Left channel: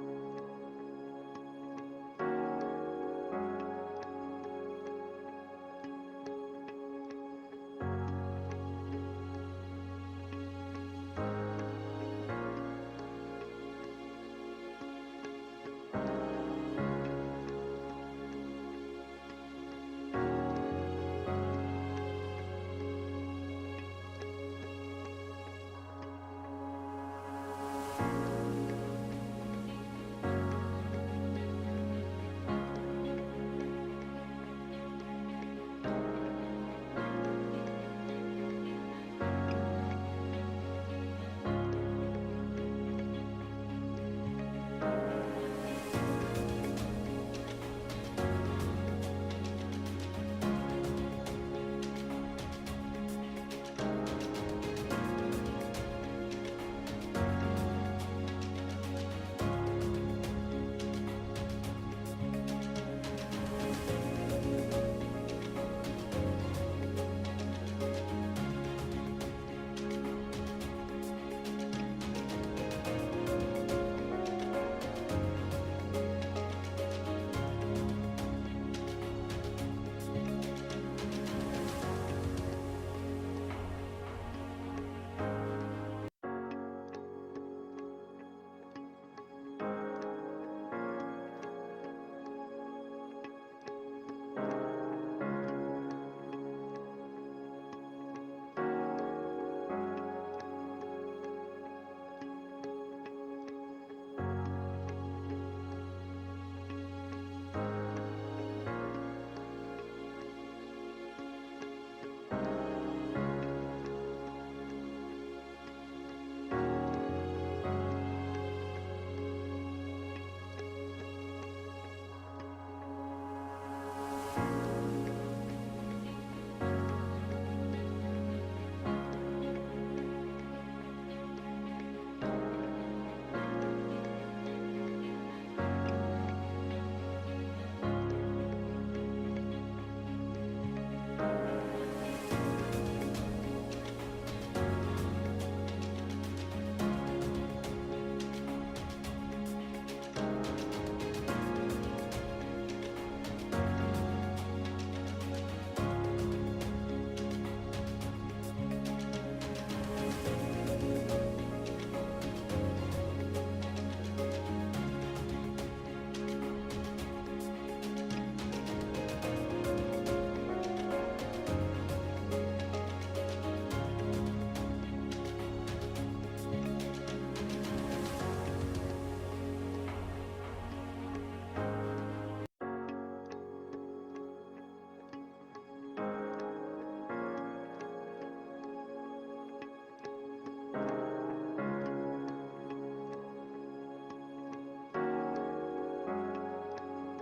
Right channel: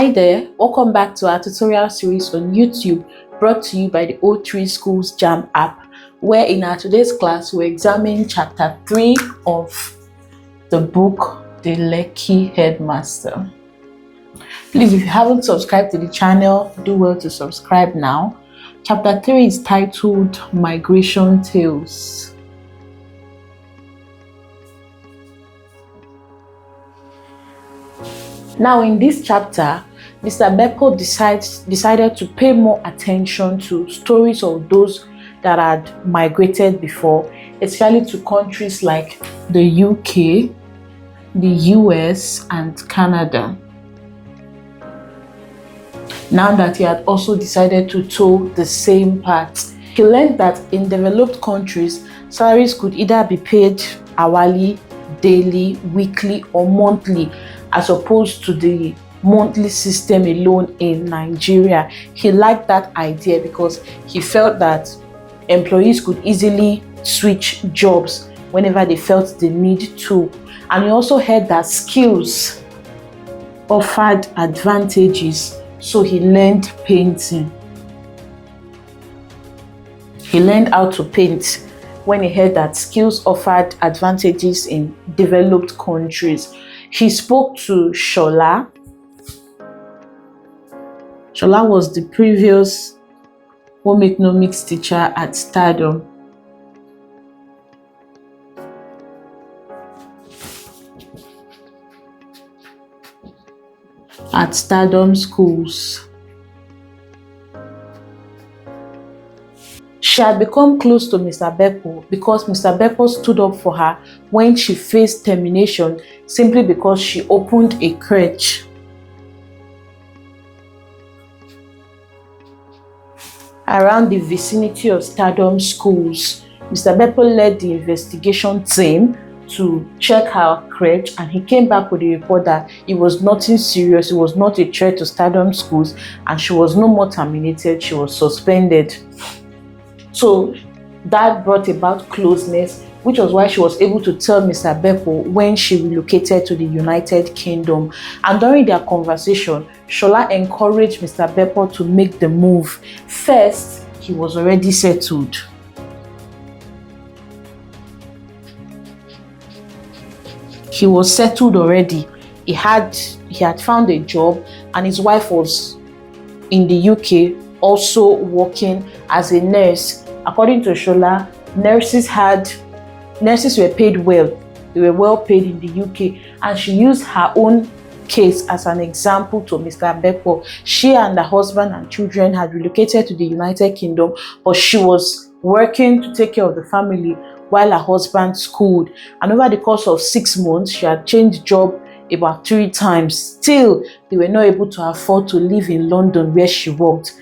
Hi there, welcome back to our tutorial series on YouTube brought to you by the O3 Schools JAMB app, where in our today's class we examine chapter 3 of the book The Lekki Headmaster. Please, if you haven't subscribed to the channel, do well to subscribe now. Chapter 3 is titled Migration Tales. Now in this chapter, Mr. Becko decided to pay more attention to stories of those that had migrated before, especially to countries like the UK, the US, and Canada. Now that he had also decided to tow the same path, he learned that in developed countries, salaries could either be paid hourly, daily, weekly, or monthly, as opposed to the monthly system alone in Nigeria. He liked that idea because he felt that employees could easily switch jobs whenever they felt the need to. And he also heard that skills offered advantages, so he learned painting. He learned how to paint when he heard that skills offered advantages in developed countries. He spoke to Shaah. Shaah was the previous home economics teacher at Stardom. At Stardom schools. She had become close to Mr. Bepo because Mr. Bepo stood up for her when she faced termination simply because she opened a crèche. Around the vicinity of Stardom schools, Mr. Bepo led the investigation team to check her crèche, and he came back with a report that it was nothing serious, it was not a threat to Stardom schools, and she was no more terminated, she was suspended. So that brought about closeness, which was why she was able to tell Mr. Bepo when she relocated to the United Kingdom. And during their conversation, Shaah encouraged Mr. Bepo to make the move. First, he was already settled. He was settled already. He had found a job, and his wife was in the UK also working as a nurse. According to Shaah, nurses were paid well. They were well paid in the UK, and she used her own case as an example to Mr. Bepo. She and her husband and children had relocated to the United Kingdom, but she was working to take care of the family while her husband schooled. And over the course of 6 months, she had changed job about 3 times. Still, they were not able to afford to live in London where she worked.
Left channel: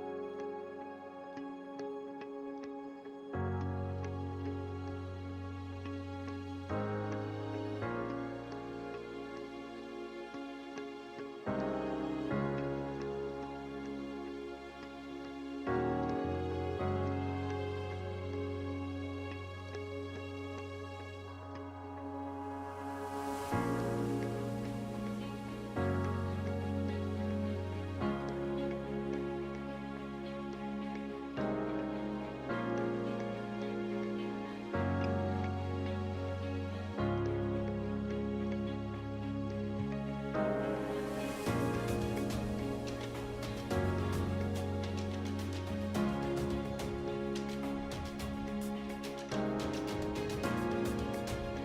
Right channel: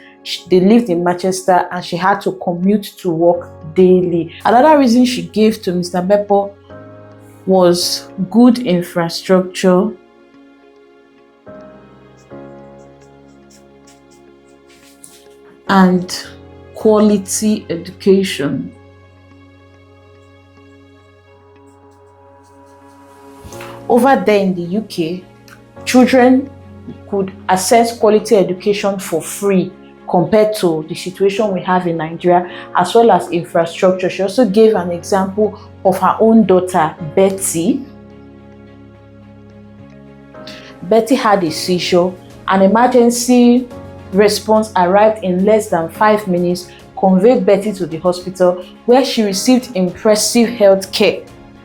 They lived in Manchester, and she had to commute to work daily. Another reason she gave to Mr. Bepo was good infrastructure and quality education. Over there in the UK, children could access quality education for free compared to the situation we have in Nigeria, as well as infrastructure. She also gave an example of her own daughter, Betty. Betty had a seizure. An emergency response arrived in less than 5 minutes, conveyed Betty to the hospital, where she received impressive health care,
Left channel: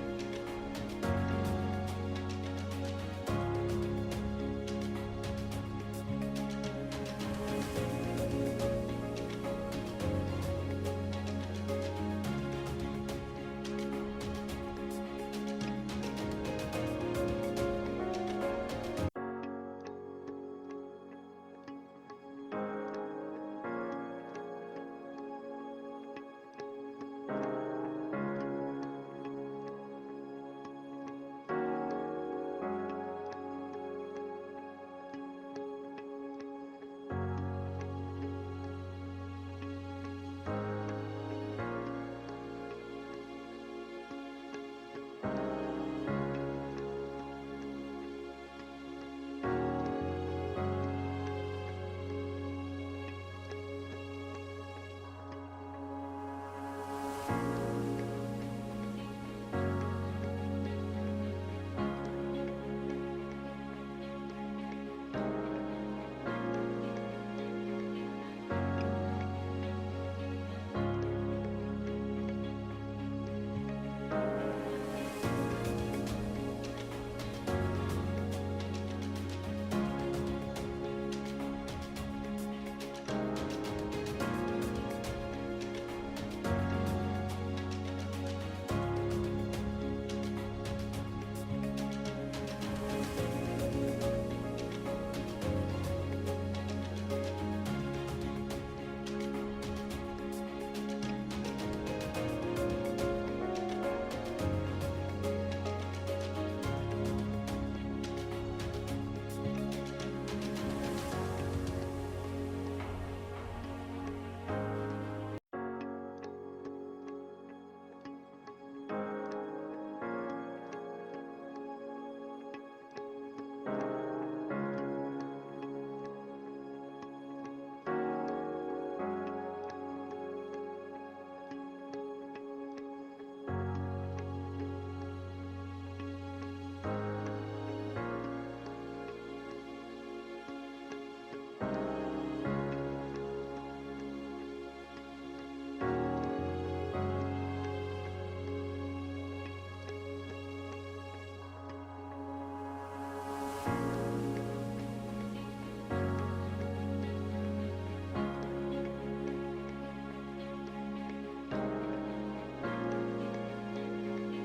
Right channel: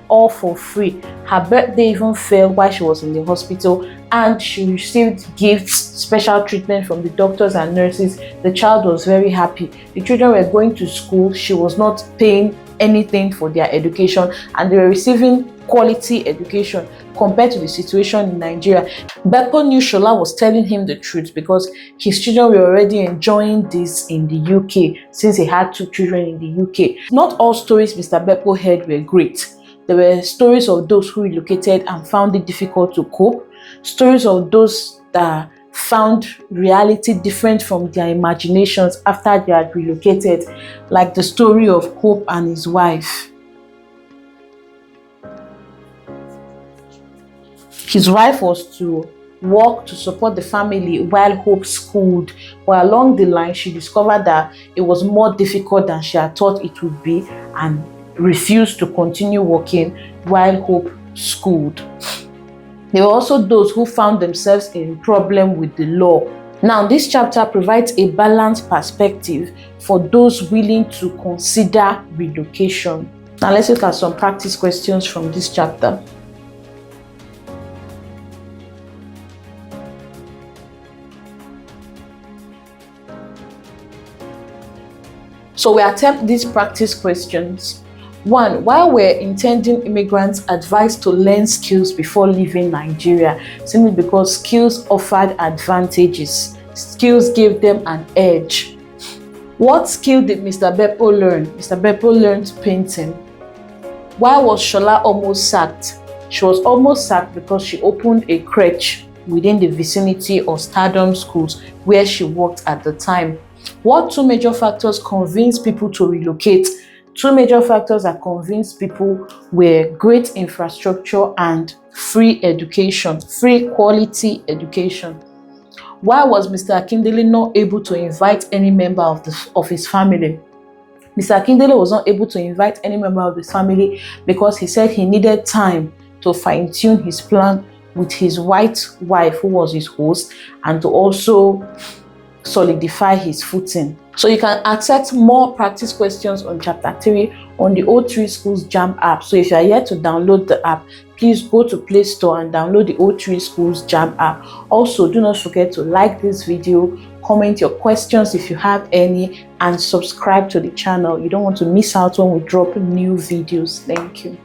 all for free. Her birthday even fell while she was in the hospital, and she received gifts, special treatment from the doctors and nurses. The child was very happy. The children were going to school. She was not paying anything for their education, and they were receiving quality education compared to the situation in Nigeria. Bepo knew Shaah was telling him the truth because his children were already enjoying this in the UK since he had 2 children in the UK. Not all stories Mr. Bepo heard were great. There were stories of those who relocated and found it difficult to cope, stories of those that found reality different from their imaginations after they had relocated, like the story of Hope and his wife. His wife was to work to support the family while Hope schooled. But along the line, she discovered that it was more difficult than she had thought it would be and refused to continue working while Hope schooled. There were also those who found themselves in problem with the law. Now, this chapter provides a balanced perspective for those willing to consider relocation. Now, let's look at some practice questions from this chapter. So we attempt these practice questions. 1. Why were intending immigrants advised to learn skills before leaving Nigeria? Simply because skills offered advantages. Skills gave them an edge. What skill did Mr. Bepo learn? Mr. Bepo learned painting. Why was Shola almost sacked? She was almost sacked because she opened a crèche within the vicinity of Stardom schools where she worked at the time. What 2 major factors convinced people to relocate? 2 major factors that convinced people were great infrastructure and free education, free quality education. Why was Mr. Akindele not able to invite any member of his family? Mr. Akindele was not able to invite any member of his family because he said he needed time to fine-tune his plan with his white wife, who was his host, and to also solidify his footing. So you can access more practice questions on chapter 3 on the O3 Schools JAMB app. So if you are yet to download the app, please go to Play Store and download the O3 Schools JAMB app. Also, do not forget to like this video, comment your questions if you have any, and subscribe to the channel. You don't want to miss out when we drop new videos. Thank you.